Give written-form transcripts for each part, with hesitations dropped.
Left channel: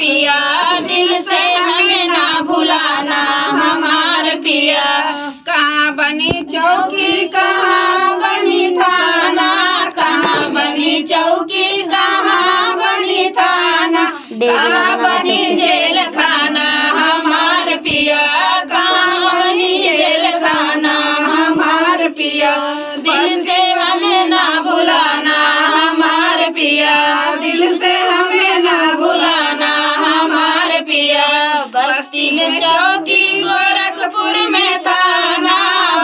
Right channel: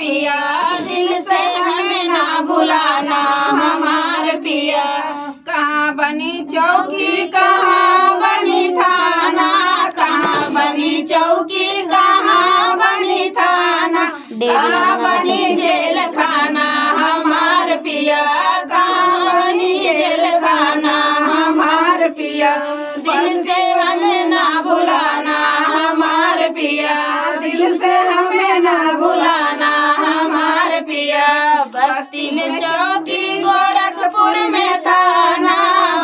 पिया, दिल से हमें ना भुलाना हमार पिया। कहाँ बनी चौकी कहाँ बनी थाना, कहाँ बनी चौकी कहाँ बनी थाना, कहाँ बनी जेल खाना हमार पिया, कहाँ बनी जेल खाना हमार पिया। दिल से हमें ना भुलाना हमार पिया, दिल से हमें ना भुलाना हमार पिया। बस्ती में चौकी गोरखपुर में थाना,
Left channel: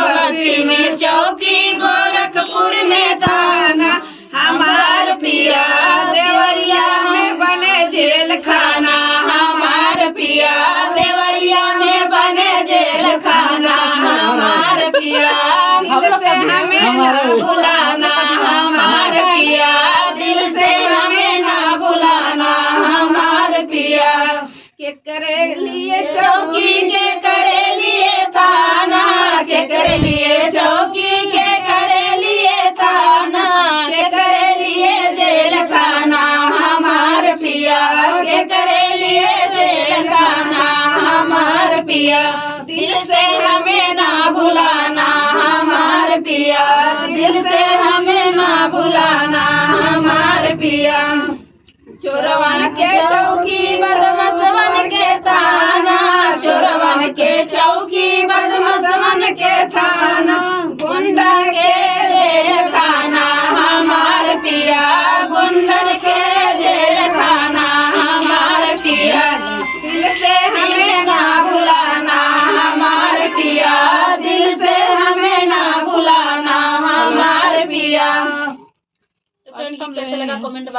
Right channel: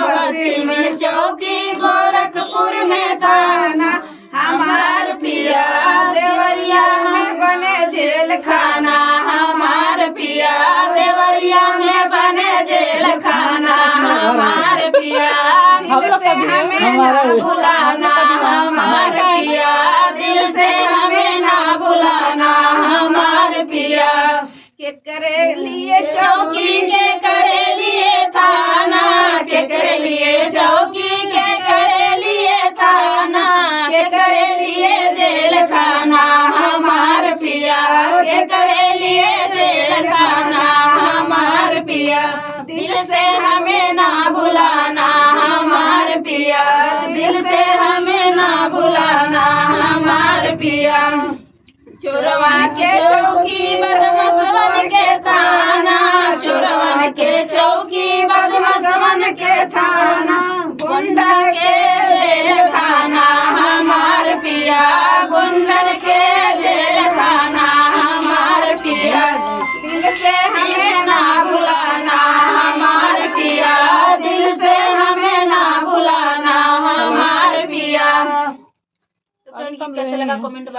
बस्ती में चौकी गोरखपुर में थाना हमार पिया। देवरिया में बने जेल खाना हमार पिया, देवरिया में बने जेल खाना हमार पिया। दिल से हमें ना भुलाना हमार पिया, दिल से हमें ना भुलाना हमार पिया। के करे लिए चौकी के करे लिए थाना, के करे लिए चौकी के करे लिए थाना, के करे लिए जेल खाना हमार पिया, के करे लिए जेल खाना हमार पिया। दिल से हमें ना भुलाना हमार पिया, दिल से हमें ना भुलाना हमार पिया। चोरवन के चौकी बदमाशन के थाना, चोरवन के चौकी बदमाशन के थाना, गुंडा के जेल खाना हमार पिया, गुंडन के जेल खाना हमार पिया। दिल से हमें ना भुलाना हमार पिया, दिल से हमें ना भुलाना हमार पिया। तो फ्रेंड कैसा लगा कमेंट